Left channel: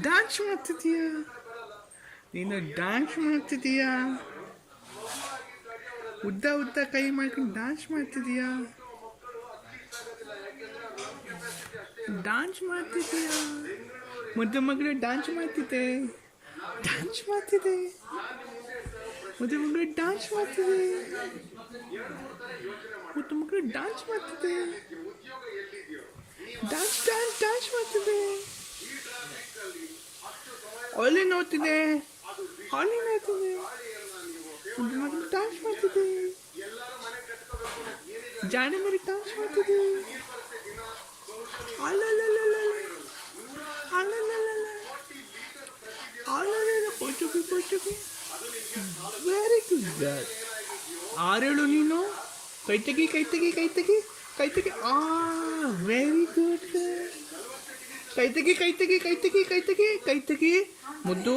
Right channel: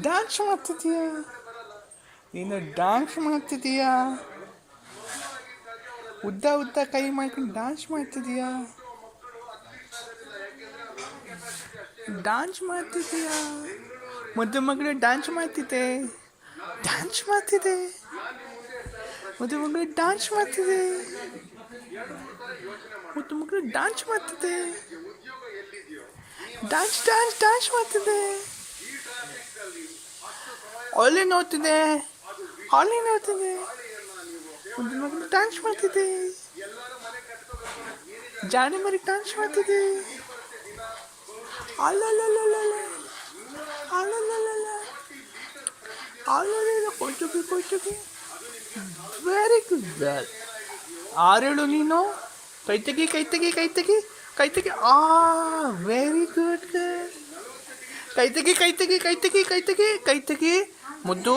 Dance ಮಾಡ್ತಿದ್ದೀಯಾ ನೀನು? Dance ಮಾಡ್ತಿದ್ದೀಯಾ? ಉದ್ದ ಉದ್ದ ಕೈ ಮಾಡ್ಕೊಂಡು ಡ್ಯಾನ್ಸ್ ಮಾಡ್ತಿದ್ದೀಯಾ? ಡ್ಯಾನ್ಸ್ ಮಾಡ್ತಿದ್ದೀಯಾ? ಮುದ್ದು ಮಗಳು ಡ್ಯಾನ್ಸ್ ಮಾಡ್ತಿದ್ದೆ. ಡ್ಯಾನ್ಸ್ ಮಾಡ್ತಿದ್ದೆ. ಮುದ್ದು ಮಗಳು ಡ್ಯಾನ್ಸ್ ಮಾಡ್ತಿದ್ದೆ. ಮುದ್ದು ಮಗಳು ಡ್ಯಾನ್ಸ್ ಮಾಡ್ತಿದ್ದೆ. ಡ್ಯಾನ್ಸ್ ಡ್ಯಾನ್ಸ್ ಡ್ಯಾನ್ಸ್ ಮಾಡ್ತಿದ್ದೆ. ಅಲ್ಲಿ ನೋಡ್ತಿದ್ದೆ. ಅಲ್ಲಿ ನೋಡ್ತಿದ್ದೆ. ಮುದ್ದು ಮಗಳು ಡ್ಯಾನ್ಸ್ ಮಾಡ್ತಿದ್ದೆ. ಜಾಣಿ ಮರಿ ಡ್ಯಾನ್ಸ್ ಮಾಡ್ತಿದ್ದೆ. ಅಲ್ಲಲ್ಲಲ್ಲ ಅಲ್ಲಲ್ಲಲ್ಲ ಅಲ್ಲಲ್ಲ ಕೊಯ್ತುಕಿ ವೆರಿ ಗುಡ್ ಗರ್ಲ್. ಆರೇಳು ನೀನು. ಕೈ ತೆಗಿ ಕೈ ತೆಗಿ ಕೈ ತೆಗಿ ಕೈ ತೆಗಿ. Very good girl. ಕೈ ತೆಗಿ ಕೈ ತೆಗಿ ಕೈ ತೆಗಿ ಕೈ ತೆಗಿ ಕೈ ತೆಗಿ ಮುದ್ದು.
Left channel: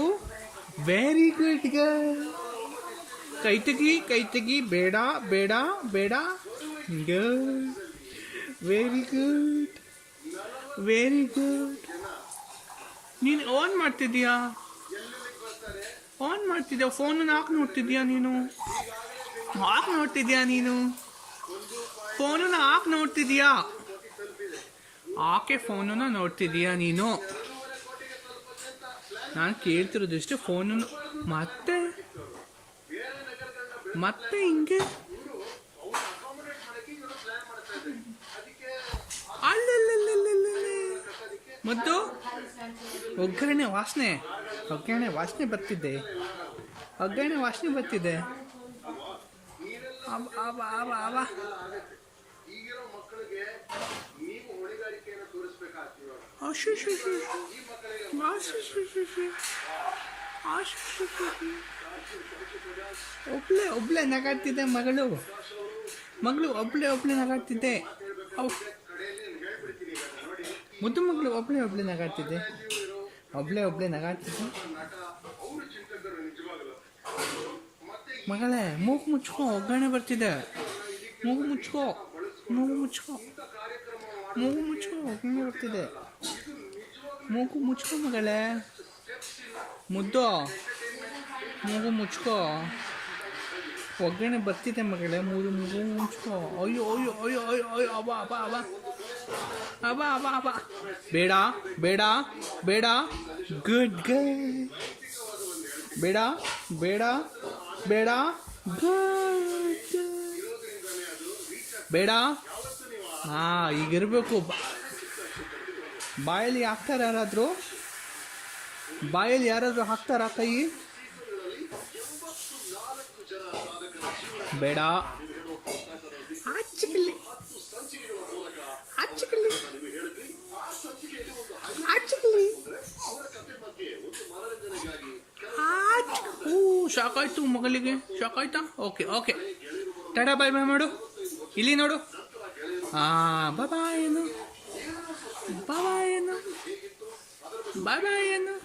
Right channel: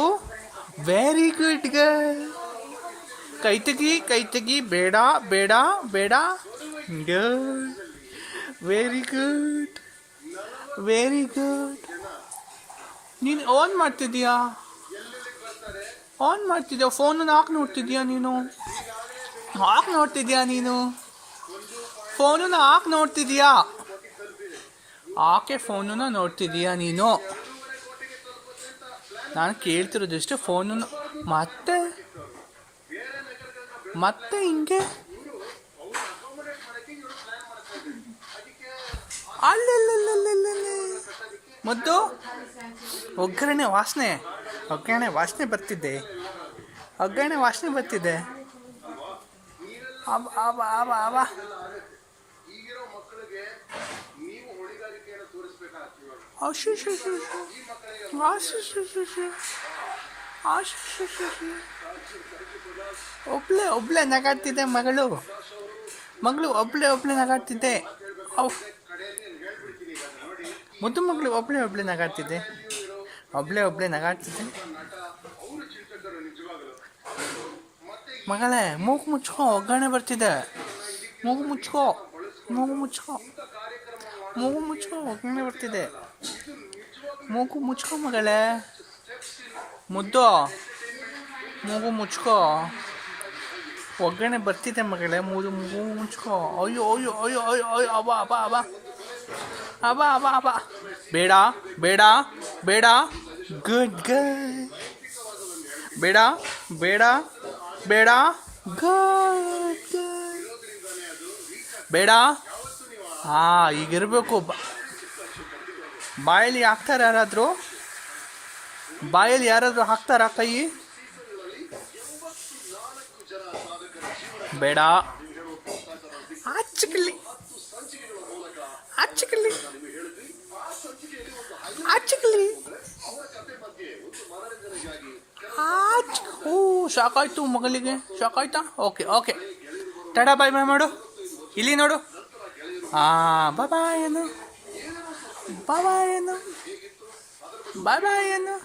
Very good girl. ಕೈ ತೆಗಿ ಕೈ ತೆಗಿ. ಬೇಡ ಬೇಡ ಬೇಡ. Very good very good. ನೀನು ಆನ್ ಮಾಡ್ತಿದ್ದೀಯಾ? ಆನ್ ಮಾಡ್ತಿದ್ಯಾ? ಫೋನನ್ನು ಹಾಕಿ ನೋಡ್ತಿದ್ಯಾ ನೀನು? ಹಾಕಿ ನೋಡ್ತಿದ್ಯಾ ನೀನು? ಫೋನನ್ನು ಹಾಕಿ ನೋಡ್ತಿದ್ಯಾ? ಆಕೆ ಫೋನನ್ನು ನೋಡ್ತಿದ್ದೀಯಾ ನೀನು? ನಾನು ಕೇಳ್ತಿರೋದಿಷ್ಟು ಫೋನನ್ನು ಮತ್ತೆ ಮತ್ತೆ ಹಿಂಗೆ ಮುದ್ದು. ಒಗ್ಗರಣೆ ವಾಸನೆ ಬರ್ತಿದ್ದೆ. ಒಗ್ಗರಣೆ ವಾಸನೆ ಬರ್ತಿದ್ದೆ. ಒಬ್ಳೆ ನಗಾಡ್ತಿದ್ದೆ ಮಗಳು. ಒಬ್ಳೆ ನಗಾಡ್ತಿದ್ದೆ. ಮುದ್ದು ಮಗಳು ಒಬ್ಳೆ ನಗಾಡ್ತಿದ್ದೆ. ಒಬ್ಳೆ ನಗಾಡ್ತಿದ್ದೆ. ಮಗಳೇ ಮೂಗು ಮುಚ್ಕೋ, ಒಗ್ಗರಣೆ ಬರ್ತಿದೆ. ಮೂಗು ಮುಚ್ಕೋ ಒಗ್ಗರಣೆ ಬರ್ತಿದೆ. ಮೂಗು ಮುಚ್ಕೋ ಮಗಳೇ. ಮುದ್ದು ಮೂಗು ಮುಚ್ಕೋ, ಒಗ್ಗರಣೆ ಬರ್ತಿದೆ ಮಗಳೇ. ಮೂಗು ಮುಚ್ಕೋ. ಅಯ್ಯೋ ಅಯ್ಯೋ ಅಯ್ಯೋ ಅಯ್ಯೋ ಅಯ್ಯೋ ಅಬ. ಬೇಡ ಬೇಡ ಬೇಡ. Good girl. ಬೇಡ ಬೇಡ ಬೇಡ. Good girl. ಬೇಡ. ಈಗಿರ್ಬೇಕು. ಬಾಯಲ್ಲಿ ಹಾಕ್ತಾರ ಯಾರಾದರೂ? ಬಾಯಲ್ಲಿ ಯಾರಾದರೂ ಹಾಕ್ತಾರಾ ಕೈ? ಬೇಡ. ಆಚಕಲಿ ಶಾಕಾಯ್ತು ಮಗಳಿಗೆ. ಶಾಕಾಯ್ತಾ? ಓಕೆ ಟಾಟಾ ಬಾಯ್ ಮಾಡು. ಇಲ್ಲಿ ನೋಡು. ಬಾಯ್ ಬಾಯ್ ಏನು.